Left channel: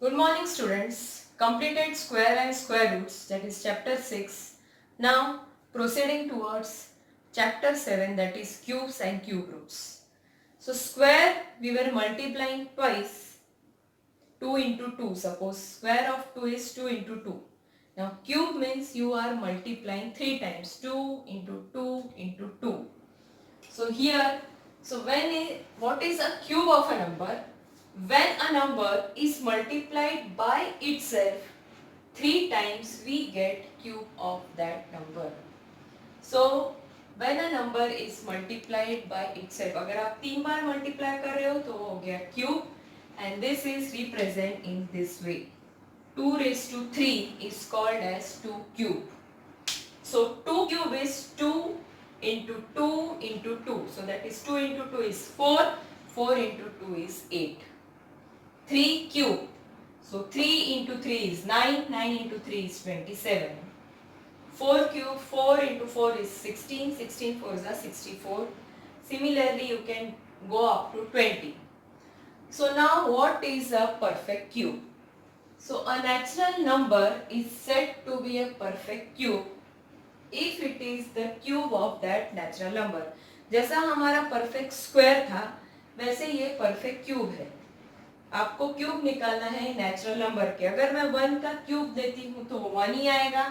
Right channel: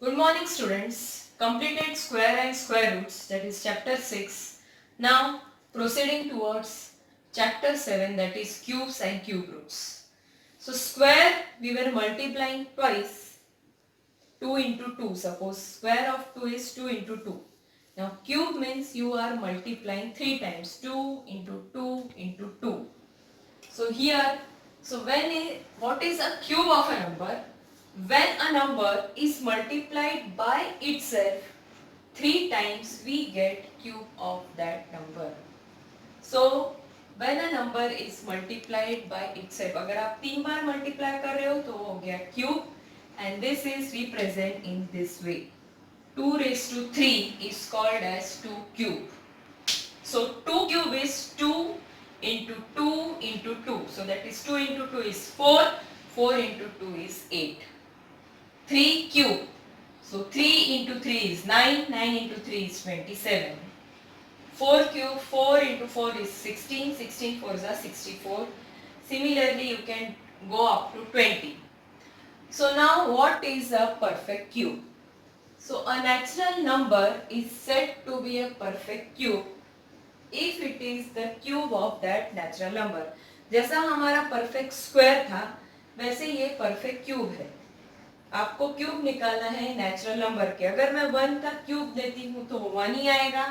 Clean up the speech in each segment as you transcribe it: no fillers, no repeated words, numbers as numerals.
Good morning students. Completed square and square roots, that is chapter 6. Now proceeding towards chapter 7, that is cubes and cube roots. So square we were multiplying twice, 2 into 2. Suppose square of 2 is 2 into 2. Now cube means you are multiplying 3 times, 2 into 2 into 2. So here, what is a cube of a number? When a number is multiplied by itself 3 times, we get cube of that number. So when a number is multiplied by itself, अगर आप 3 बार multiply कर रहे हो तो हो गया cube, and this is represent in this way. 2 raised to 3 is called as 2 cube. So 2 cube is 2 into 2 into 2. So that is 2 into 2 is 4. 4 into 2 is 8. 3 cube. So 3 into 3 is 9. 9 into 3 is 27. 4 cube. 4 into 4 is 16. 16 4 is 64. Similarly, you can go up to 20. So now what is a perfect cube? So a natural number is said to be a perfect cube if it is the cube of that natural number. जैसा हमारा perfect square था वैसे ये perfect cube है. आपको cube निकालना है natural number के. अगर मैं 1 का क्यूब देती हूँ तो 1 ही आएगा.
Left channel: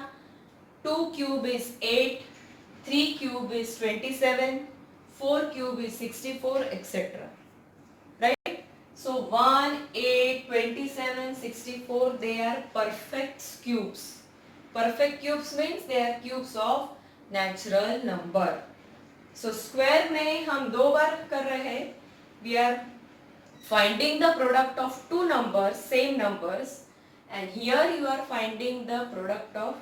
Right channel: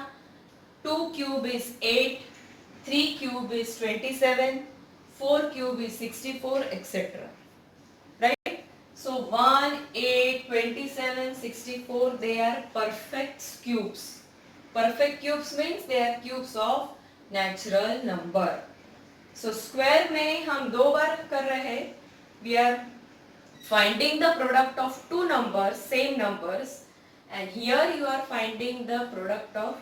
2 cube is 8, 3 cube is 27, 4 cube is 64, etcetera. Right? So 1, 8, 27, 64, they are perfect cubes. Perfect cubes means they are cubes of natural number. So square में हम 2 बार कर रहे हैं. We are finding the product of two numbers, same numbers, and here you are finding the product of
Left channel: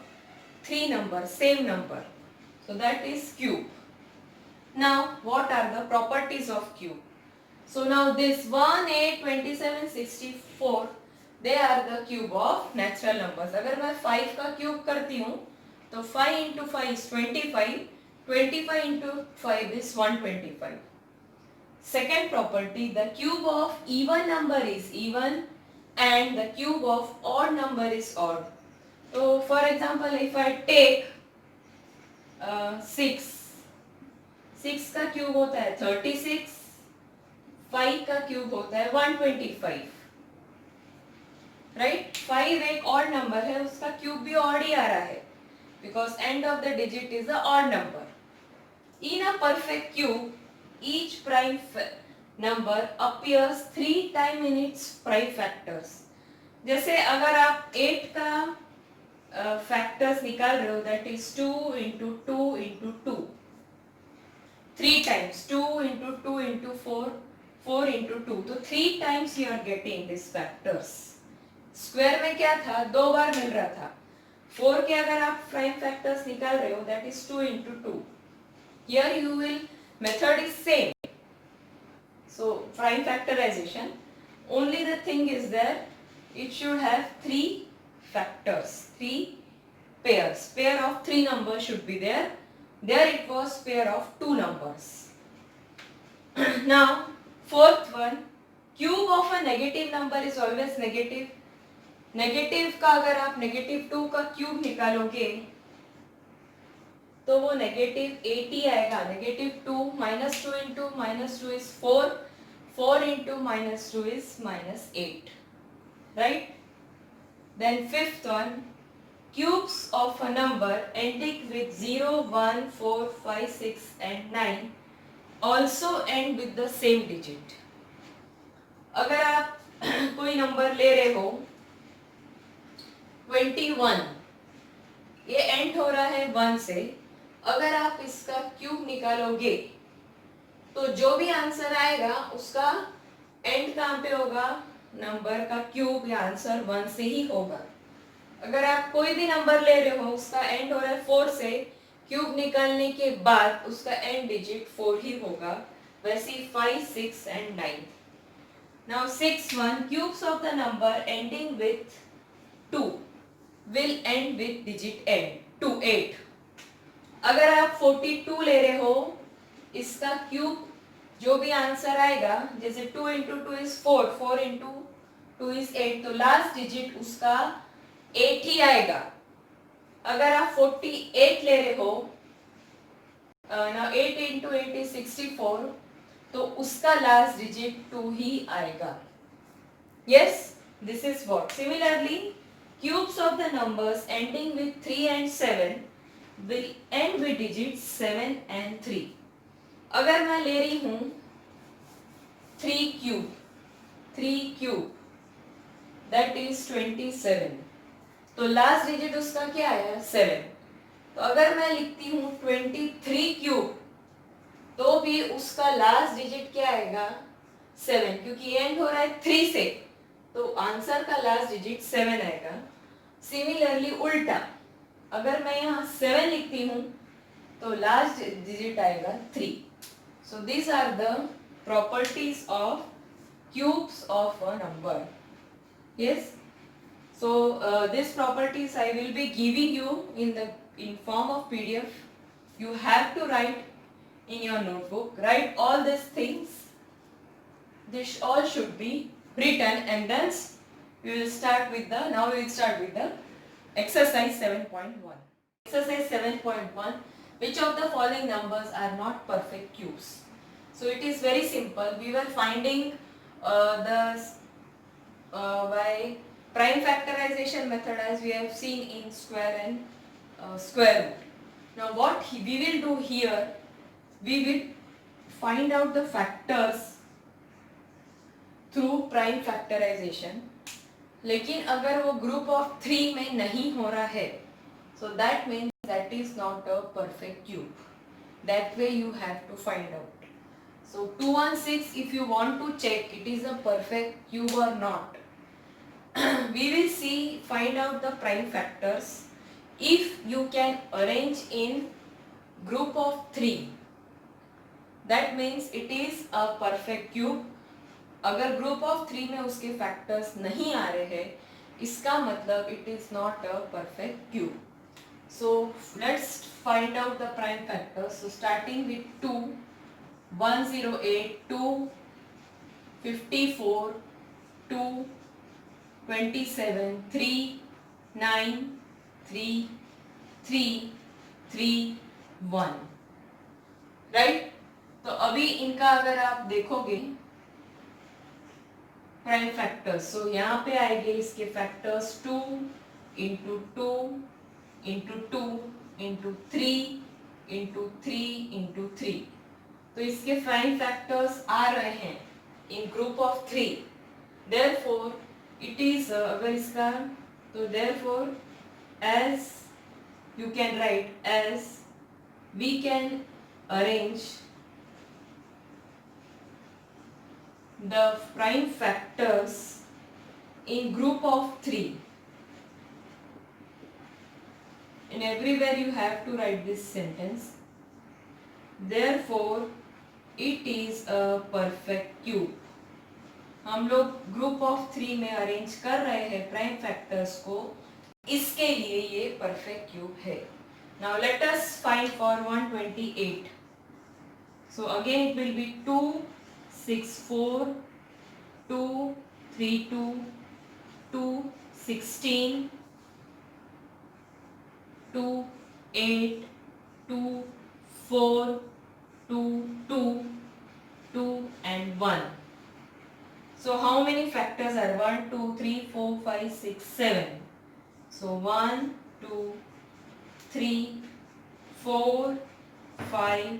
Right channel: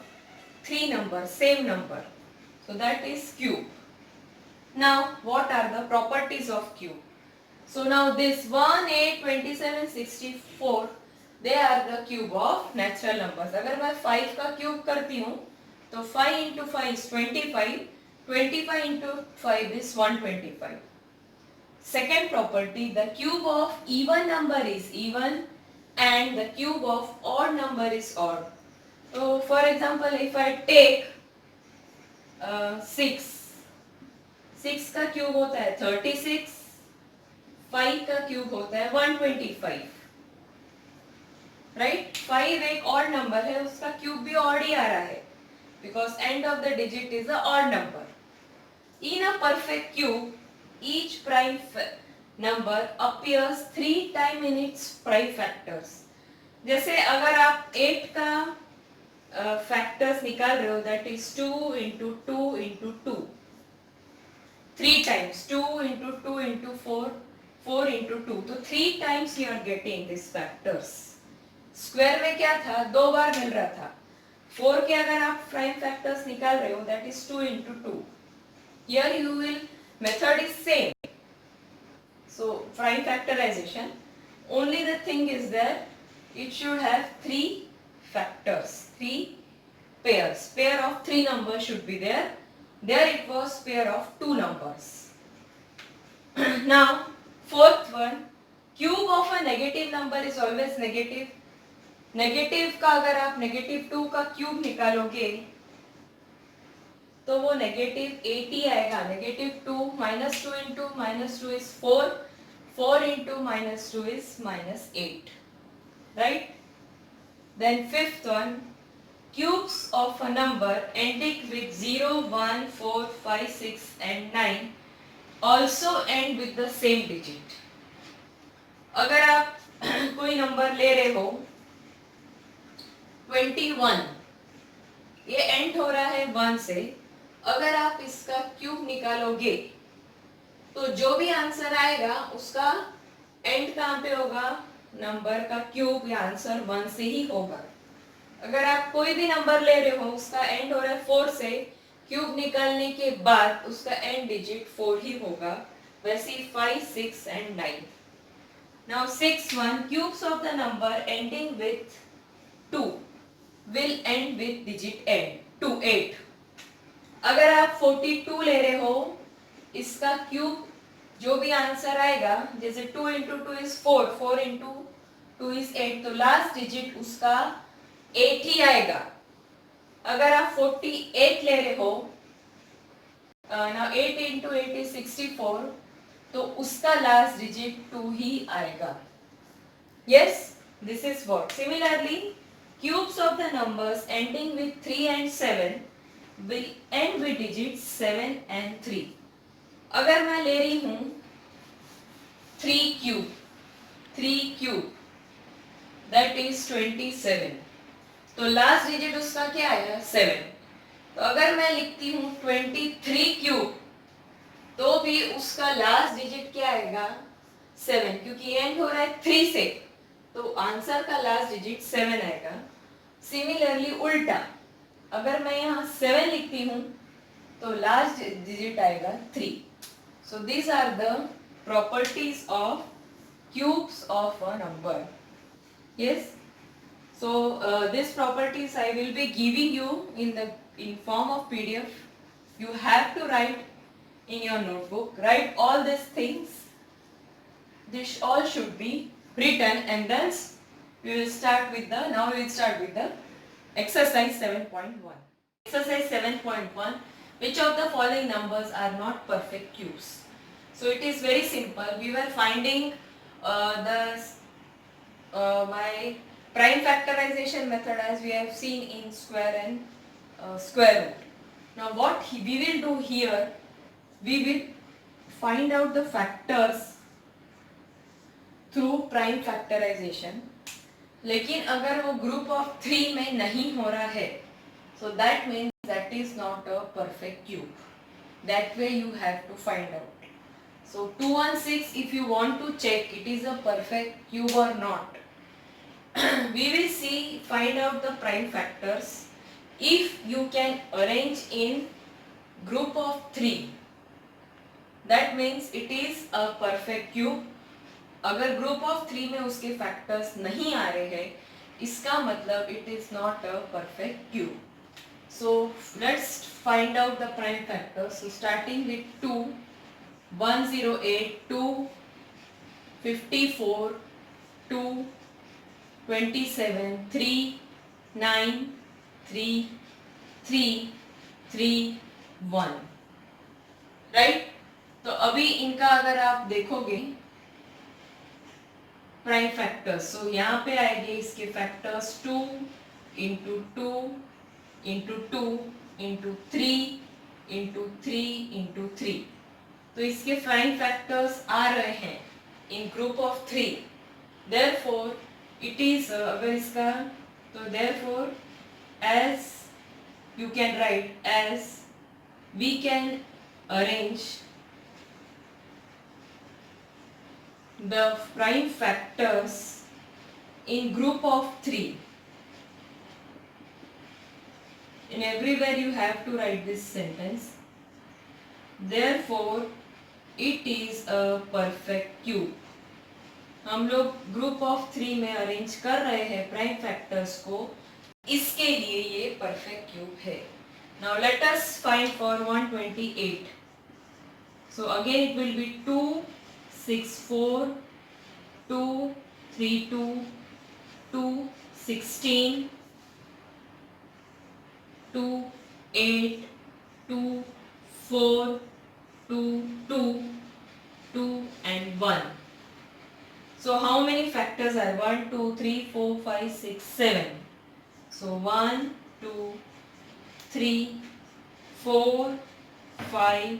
3 numbers, same number. So that is cube. Now what are the properties of cube? So now this 1, 8, 27, 64, they are the cube of natural numbers. अगर मैं 5 का cube करती हूँ तो 5 into 5 is 25, 25 into 5 is 125. Second property, the cube of even number is even and the cube of odd number is odd. So for example, if I take 6, 6 का cube होता है 36, 5 का cube होता है 125. राइट? 5 एक odd number है, उसका cube भी odd ही आ रहा है because end of the digit is a odd number. In a perfect cube, each prime number appears 3 times in its prime factors. जैसे अगर आप 8 का factors निकाल रहे हो, that is 2 into 2 into 2. 3 times 2 into 2 into 4, 4 into 2. तो 3 times you are getting these factors. Square में क्या था? 2 बार मिल रहा था. 4 के अगर आप prime factors निकाल रहे हो, that is 2 into 2. Here you will method is same. So prime factorization. Only the thing is that it should have 3 factors, 3 pairs. Pair of 3 numbers should be there. There it was pair of 2 numbers. Now fourth one, cube of a negative number is always negative. Negative का अगर आप negative 2 का cube निकालोगे तो वो negative 80 आएगा. Negative 2 -2 into -2 is 4. 4 into -2 is -8. Right? Then fifth one, cubes of a number ending with 0, 1, 4, 5, 6 and 9 also end with the same digit. अगर आप कोई नंबर ले रहे हो 21, ये एंड हो रहा है 1 से. अगर आप इसका क्यूब निकालोगे तो जो भी आंसर आएगा उसका एंड कहाँ पे होगा? नंबर का क्यूब या आंसर 1 से ही होगा. अगर आप कोई भी नंबर ले रहे हो उसका एंड हो रहा है 4 से, क्यूब निकालने के बाद उसका एंड डिजिट 4 ही होगा. वैसे 5, 6 and 9. Now 6 1, cubes of the number ending with 2 will end with digit end 2 8. अगर आप 42 ले रहे हो, इसका क्यूब जो भी आंसर आएगा, जैसे 2 into 2 is 4, 4 into 2 is 8, तो लास्ट डिजिट उसका 8 ही आएगा. अगर आप 48 ले रहे हो, now 8 into 8 is 64, तो उसका लास्ट डिजिट 2 ही आएगा. Yes, this is what. Similarly, cubes of the numbers ending with 3 and 7 will end with digits 7 and 3. अगर मैं ले रही हूँ 3 cube, that is 27. तो लास्ट डिजिट उसका क्या आया? 7. तो अगर मैं लिखती हूँ 23 क्यूब, तो भी उसका लास्ट डिजिट क्या आएगा? 7, क्योंकि एंड हो रहा है 3 से, तो आंसर का लास्ट डिजिट 7 आएगा. सिमिलरली उल्टा, अगर मैं यहाँ 7 लिखती हूँ तो लास्ट डिजिट आएगा 3. So these are the properties of cubes of a number. Yes, so these properties I will be giving you in form of PDF. You have to write in your notebook. Write all these things. This all should be written, and then we will start with the exercise 7.1. Exercise 7.1. Which of the following numbers are not perfect cubes? So it is very simple. We were finding by prime factorization method, as we have seen in square and square root. Now what we will do here, we will find out the factors through prime factorization. लेकिन अगर वो group of 3 में नहीं हो रहा है, so that means that is not a perfect cube. That way you have to find out. So 216, if you want to check it is a perfect cube or not, we will find out the prime factors. If you can arrange in group of 3, that means it is a perfect cube. अगर group of 3 में उसके factors नहीं आ रहे हैं, इसका मतलब it is not a perfect cube. So let's find out the prime factors. So starting with 2, 108, 2, 54, 2, 27, 3, 9, 3, 3, 3, 1. Right? तो अभी इनका अगर आप देखोगे प्राइम फैक्टर्स, सो यहाँ पे आएंगे इसके factors 2 into 2 into 2 into 3 into 3 into 3. तो इसके प्राइम फैक्टर्स आ रहे हैं इन group of 3. Therefore it is अगर इसका, तो therefore as you can write as we can arrange the prime factors in group of 3. And everywhere you have to write this sentence. Therefore it is a perfect cube. हम लोग group of 3 में arrange कर रहे हैं prime factors को, इसके लिए ये परफेक्ट क्यूब है. Now let us find for 128. So again it will be 2, 6, 4, 2, 3, 2, 2, 16, 2, 8, 2, 4, 2, 2, 2 and 1. So how many factors are 1, 2, 3, 4, 5, 6, 7. So 1, 2, 3, 4, 5,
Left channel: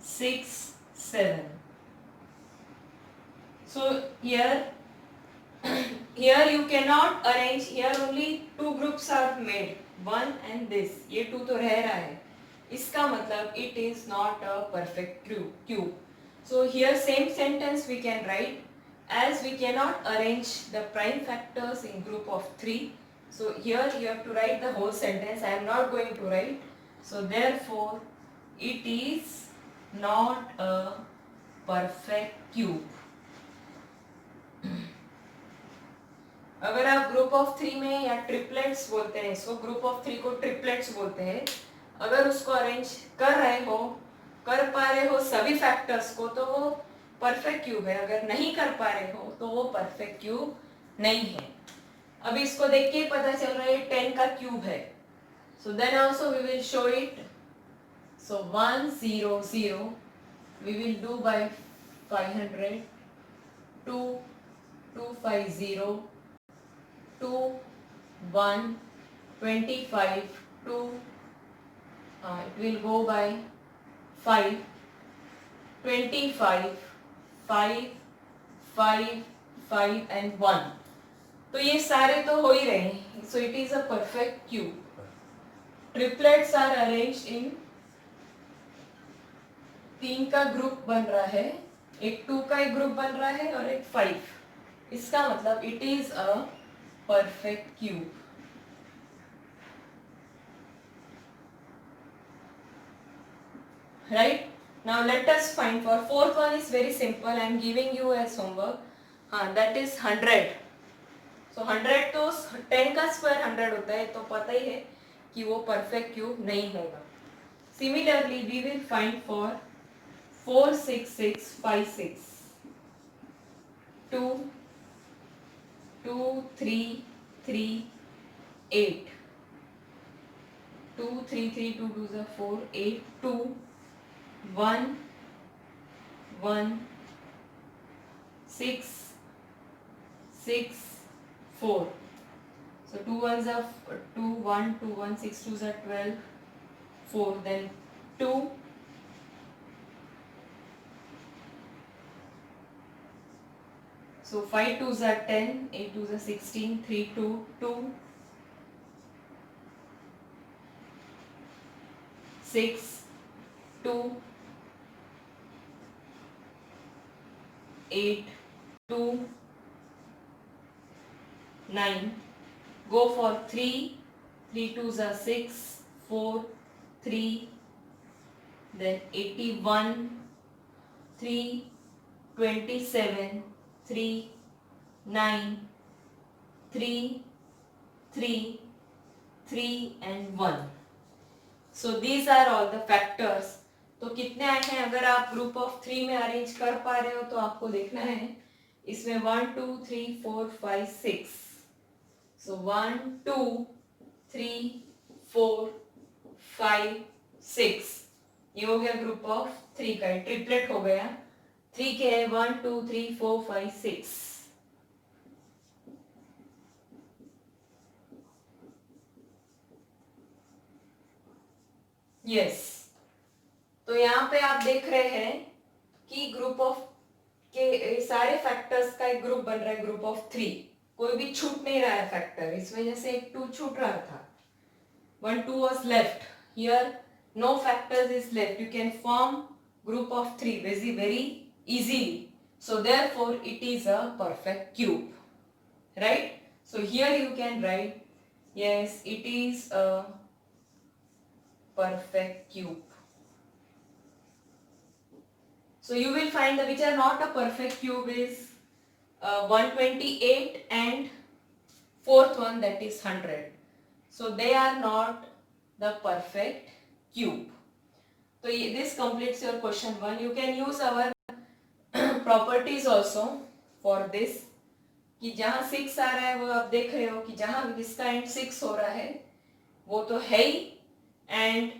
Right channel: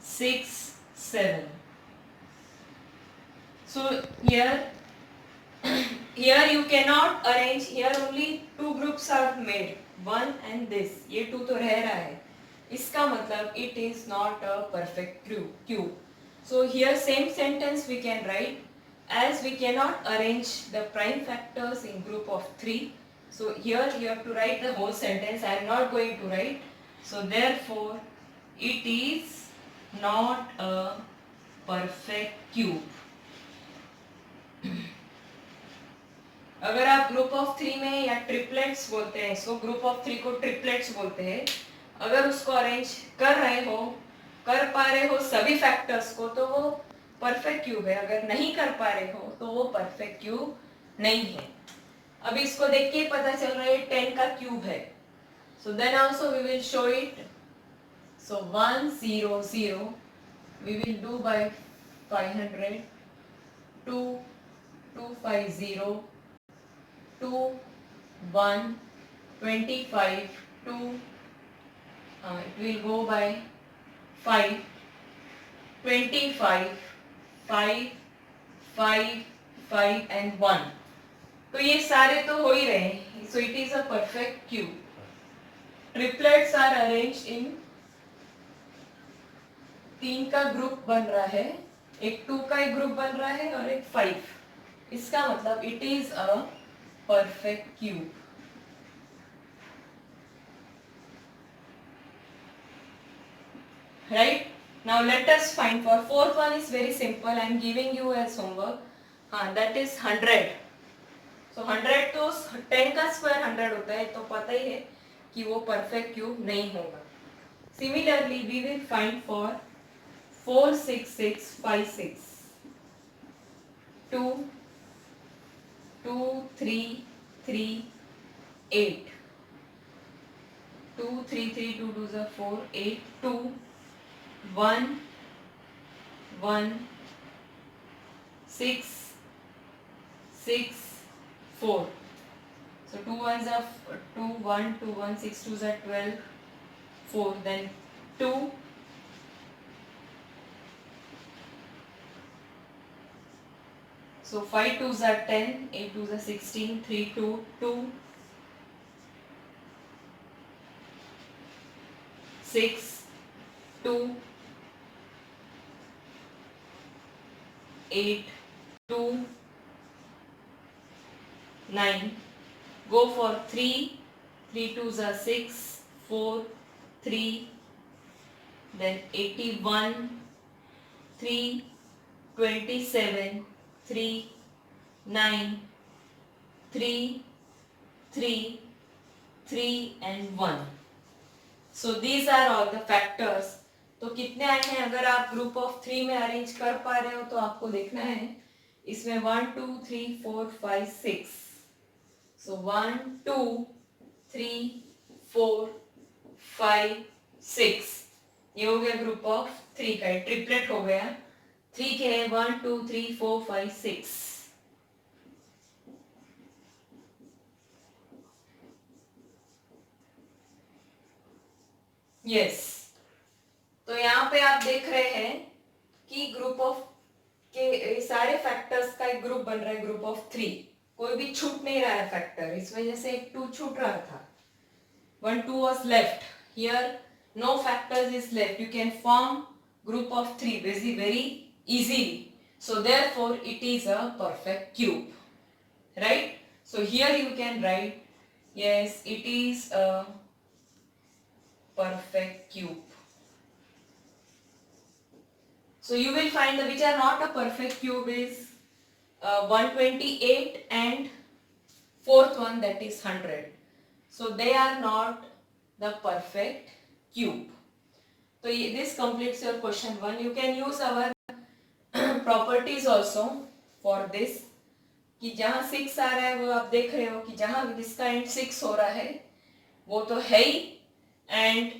6, 7. So here you cannot arrange, here only 2 groups are made, 1 and this, ये 2 तो रह रहा है, इसका मतलब it is not a perfect cube. So here same sentence we can write, as we cannot arrange the prime factors in group of 3, so here you have to write the whole sentence. I am not going to write. So therefore it is not a perfect cube. अगर आप group of 3 में या triplets बोलते हैं इसको, group of 3 को triplets बोलते हैं, अगर उसको अरेंज कर पा रहे हो सभी फैक्टर्स को, तो वो परफेक्ट क्यूब है. अगर नहीं कर पा रहे हो तो वो परफेक्ट क्यूब नहीं है। अभी इसको देख के ही पता चल रहा है 10 का क्यूब है। So then also we will show it. So 1 0 0 we will do by 500, 2 2 5 0, 2 1 25, 2 it will go by 5 25 5 5 5 and 1। तो ये सारे तो हो ही रहे हैं। So it is a perfect cube. Triplets are arranged in 3 का ग्रुप बन रहा है, एक 2 का एक ग्रुप बन रहा है और एक 5। इसका मतलब it is a perfect cube. Right? Now let us find for fourth one is very simple. I am giving you as homework. That is 100. So 100 तो 10 का स्क्वायर 100 होता है, तो पता ही है कि वो परफेक्ट क्यूब नहीं होगा। Similarly, we will find for 4 6 6 5 6, 2 2 3 3 8, 2 3 3 2 2 is 4 8 2 1 1 6 6 4। So 2 1s are 2 1 2 1 6 2s are 12 4, then 2 so 5 2s are 10 8 2s are 16 3 2 2 6 2 8 2 9, go for 3 3 2s are 6 4 3, then 81 3 27 3 9 3 3 3 and 1। So these are all the factors। तो कितने आए हैं? अगर आप group of 3 में arrange कर पा रहे हो तो आपको देखना है इसमें 1 2 3 4 5 6। सो 1 2 3 4 5 6, ये हो गया ग्रुप ऑफ 3 का, ट्रिपलेट हो गया। 3 के 1 2 3 4 5 6। यस, तो यहाँ पे आप देख रहे हैं कि ग्रुप ऑफ के सारे फैक्टर्स का एक ग्रुप बन रहा है, ग्रुप ऑफ 3। कोई भी छूट नहीं रहा है फैक्टर, इस वजह से एक 2 छूट रहा था। 1 2 was left, here no factors is left, you can form group of 3 very easily, so therefore it is a perfect cube, right? So here you can write, yes, it is a perfect cube। So you will find that which are not a perfect cube is 128 and fourth one, that is 100. So they are not the perfect cube। So this completes your question 1। You can use our properties also for this, कि जहाँ 6 आ रहा है वो आप देख रहे हो कि जहाँ जिसका एंड 6 हो रहा है वो तो है ही, एंड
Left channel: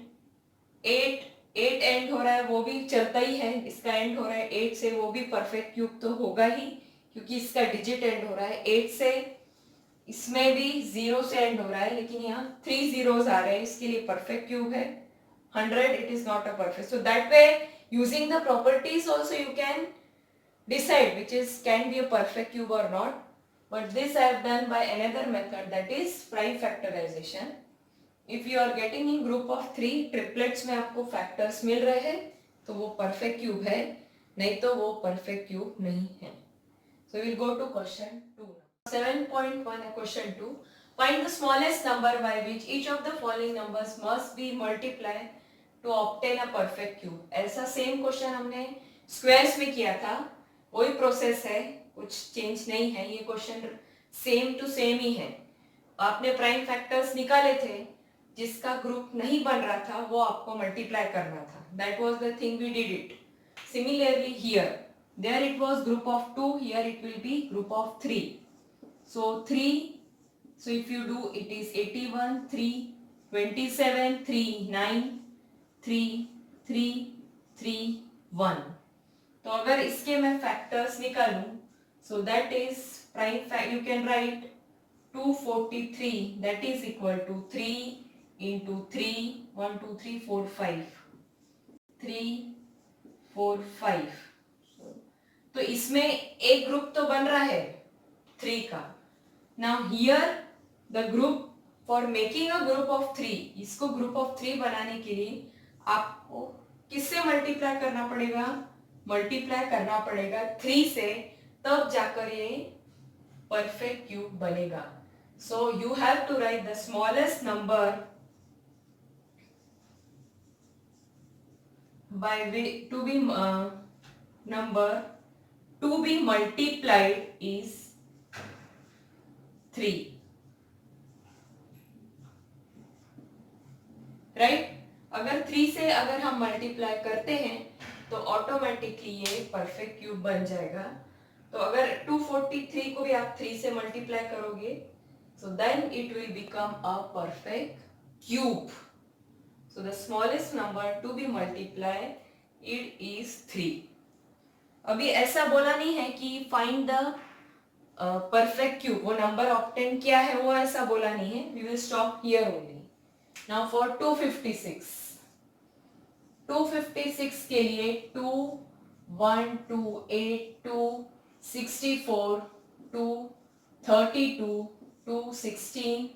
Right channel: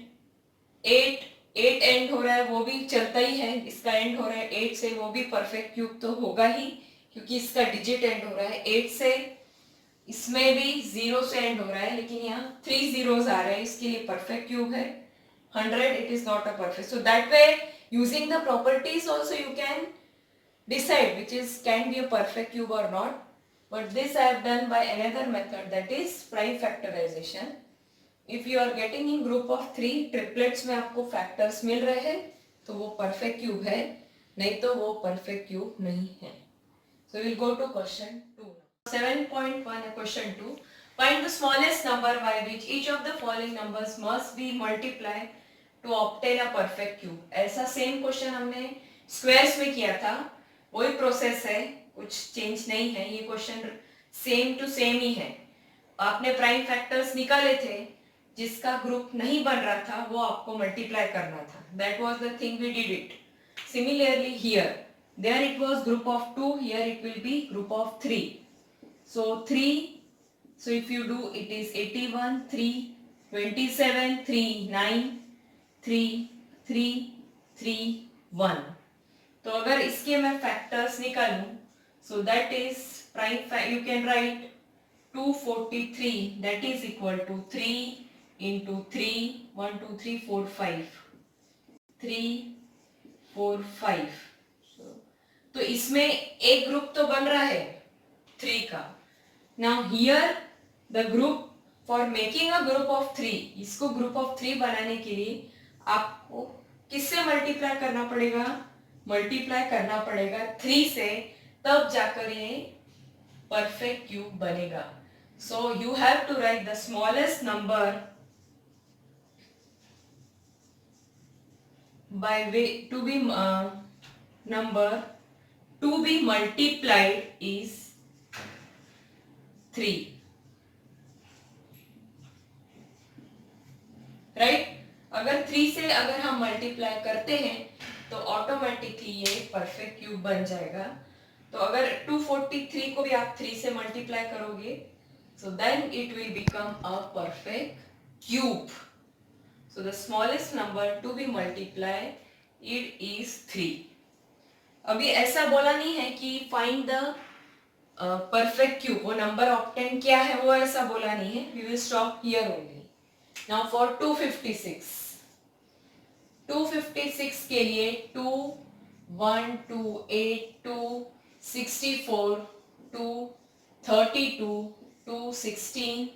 8 एंड हो रहा है वो भी चलता ही है, इसका एंड हो रहा है 8 से, वो भी परफेक्ट क्यूब तो होगा ही क्योंकि इसका डिजिट एंड हो रहा है 8 से। इसमें भी 0 से एंड हो रहा है लेकिन यहाँ 3 zeros आ रहे हैं, इसके लिए परफेक्ट क्यूब है। 100 it is not a perfect, so that way using the properties also you can decide which is can be a perfect cube or not, but this I have done by another method, that is prime factorization। If you are getting in group of 3 triplets में आपको factors मिल रहे हैं तो वो perfect cube है, नहीं तो वो perfect cube नहीं है। So we will go to question 2। 7.1 question 2, find the smallest number by which each of the following numbers must be multiplied to obtain a perfect cube। ऐसा सेम क्वेश्चन हमने squares में किया था, वही process है, कुछ चेंज नहीं है, ये क्वेश्चन सेम टू सेम ही है। आपने प्राइम फैक्टर्स निकाले थे, जिसका ग्रुप नहीं बन रहा था वो आपको मल्टीप्लाई करना था, that was the thing we did it. Similarly here, there it was group of 2, here it will be group of 3। So 3, so if you do it is 81, 3, 27, 3, 9, 3, 3, 3, 1. तो अगर इसके मैं फैक्टर्स निकालूं, so that is prime fact, you can write 243, that is equal to 3 into 3, 1 2 3 4 5, 3 4 5. तो इसमें एक group तो बन रहा है 3 का. Now here the group, for making a group of 3, इसको ग्रुप ऑफ 3 बनाने के लिए आपको किससे मल्टीप्लाई करना पड़ेगा? मल्टीप्लाई करना पड़ेगा 3 से, तब जाकर ये परफेक्ट क्यूब बनेगा. So you have to write the smallest number by way to be number to be multiplied is 3. Right? अगर 3 से अगर हम मल्टीप्लाई करते हैं तो ऑटोमेटिकली ये परफेक्ट क्यूब बन जाएगा. तो अगर 243 को भी आप 3 से मल्टीप्लाई करोगे, so then it will become a perfect cube. So the smallest number to be multiplied, it is 3. अभी ऐसा बोला नहीं है कि find the perfect cube, वो नंबर ऑब्टेन किया है वो ऐसा बोला नहीं है. We will stop here only. Now for 256. 256 के लिए 2, 1, 2, 8, 2, 64, 2, 32, 2, 16,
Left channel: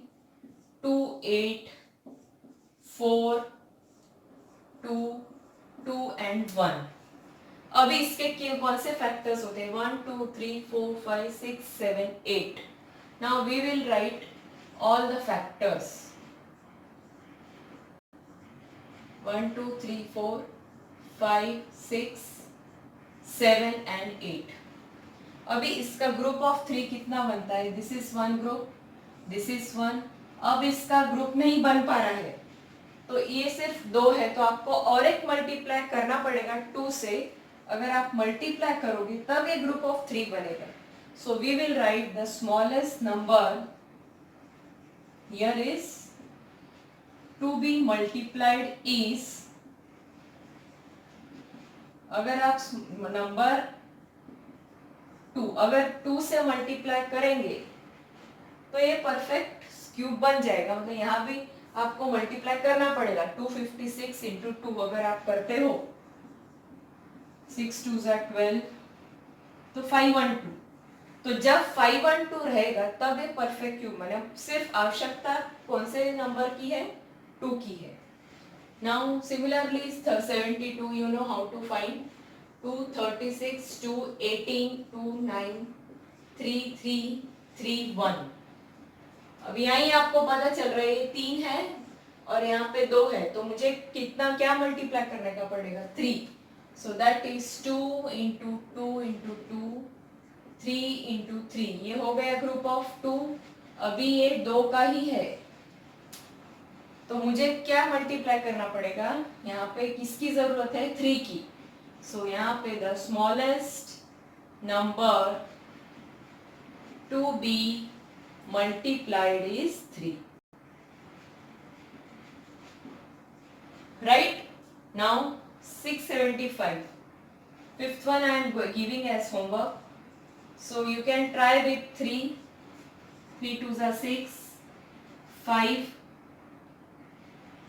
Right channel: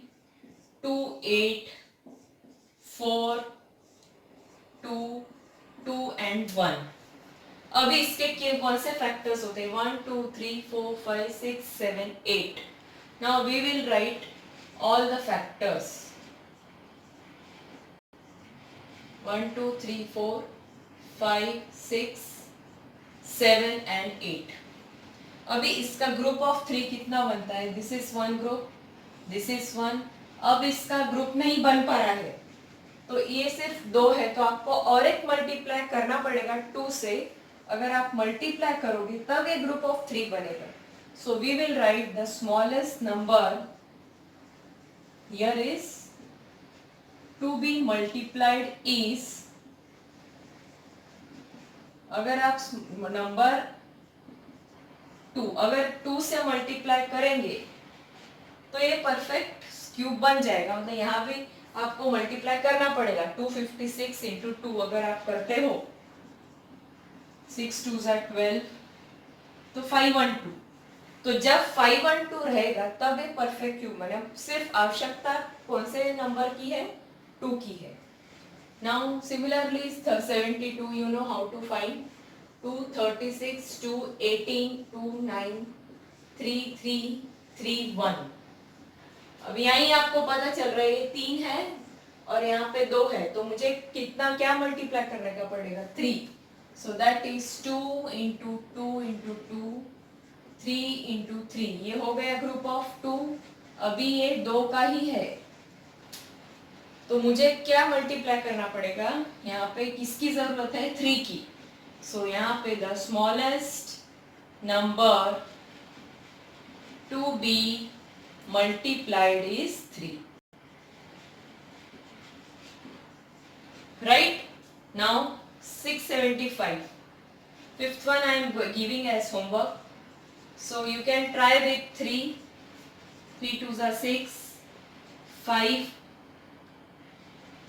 2, 8, 4, 2, 2 and 1. अभी इसके कौन से फैक्टर्स होते हैं? 1, 2, 3, 4, 5, 6, 7, 8. Now we will write all the factors. 1, 2, 3, 4, 5, 6, 7 and 8. अभी इसका ग्रुप ऑफ 3 कितना बनता है? This is one group, this is one. अब इसका ग्रुप नहीं बन पा रहा है, तो ये सिर्फ 2 है, तो आपको और एक मल्टीप्लाई करना पड़ेगा 2 से. अगर आप मल्टीप्लाई करोगे तब ये ग्रुप ऑफ 3 बनेगा. So we will write the smallest number here is to be multiplied is, अगर आप नंबर 2 अगर 2 से मल्टीप्लाई करेंगे तो ये परफेक्ट क्यूब बन जाएगा. मतलब यहाँ भी आपको मल्टीप्लाई करना पड़ेगा. 256 इंटू 2 अगर आप करते हो, 6 2s are 12, तो 512. तो जब 512 रहेगा तब ये परफेक्ट क्यूब बने. सिर्फ आवश्यकता कौन से नंबर की है? 2 की है. Now similarly 72, you know how to find. 2, 36, 2, 18, 2, 9, 3, 3, 3, 1. अब यहाँ ही आपको पता चल रहा है ये 3 है और यहाँ पे 2 है, तो मुझे कितना क्या मल्टीप्लाई करने का पड़ेगा? 3. So that is 2 into 2 into 2, 3 into 3. ये हो गया ग्रुप ऑफ 2. अभी ये 2 का ही है, तो मुझे क्या मल्टीप्लाई करना पड़ेगा? यहाँ पे किसकी जरूरत है? 3 की. सो यहाँ पे the smallest number to be multiplied is 3. Right? Now 675. Fifth one I am giving as homework. So you can try with 3. 3 2s are 6, 5,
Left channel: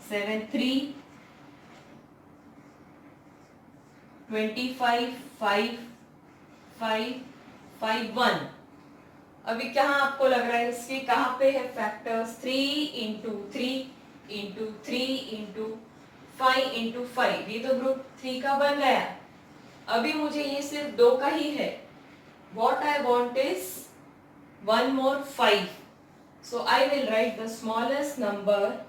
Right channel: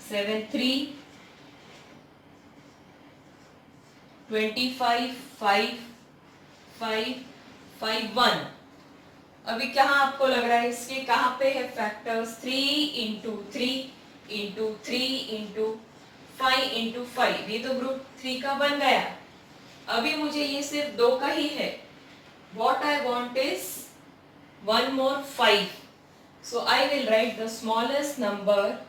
7 3, 25, 5, 5, 5 1. अभी कहाँ आपको लग रहा है इसके कहाँ पे है factors? 3 into 3 into 3 into 5 into 5. ये तो ग्रुप 3 का बन गया. अभी मुझे ये सिर्फ 2 का ही है. What I want is one more 5. So I will write the smallest number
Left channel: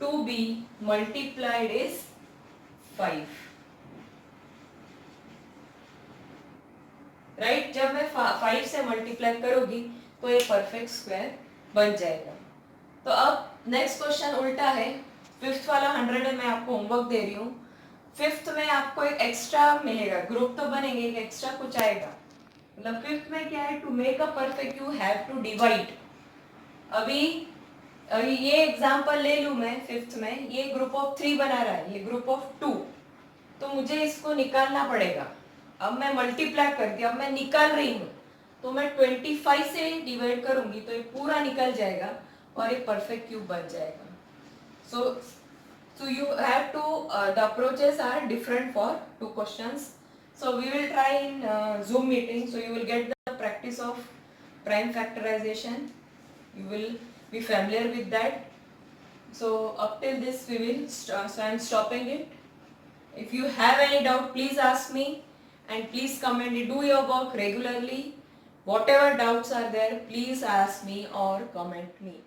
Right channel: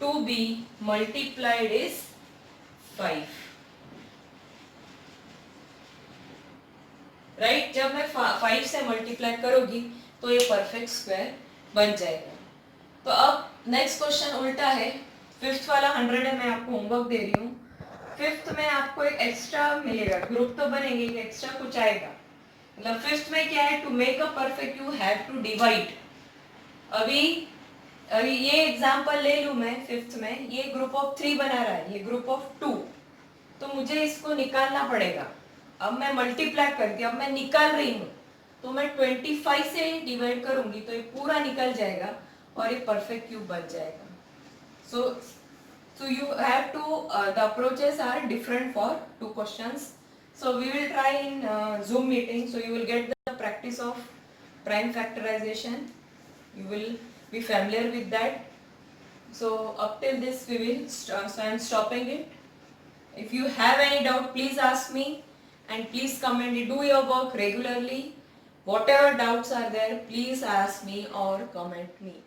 to be multiplied is 5. Right? जब मैं 5 से मल्टीप्लाई करूंगी तो ये परफेक्ट स्क्वायर बन जाएगा. तो अब नेक्स्ट क्वेश्चन उल्टा है. 5th वाला 100 है, मैं आपको होमवर्क दे रही हूँ. 5th में आपको एक एक्स्ट्रा मिलेगा. ग्रुप तो बनेंगे, एक एक्स्ट्रा कुछ आएगा. मतलब फिफ्थ में क्या है, to make a perfect you have to divide. अभी अभी ये एग्जांपल ले लूं मैं, फिफ्थ में ये ग्रुप ऑफ 3 बना रहा है, ये ग्रुप ऑफ 2, तो मुझे इसको निकालना पड़ेगा. अब मैं मल्टीप्लाई करके, अब मैं निकाल रही हूँ, तो मैं 25 से डिवाइड करूंगी तो ये पूरा निकल जाएगा और ये परफेक्ट क्यूब बन जाएगा. So you have to, the approaches are different for two questions. So we will try in Zoom meeting. So you will get the practice of prime factorization. You will be familiar with that. So up till this we will, so I am stopping it. If you have any doubt, please ask me and please comment. Do your work regularly. Whatever doubts are there, please ask me or comment me.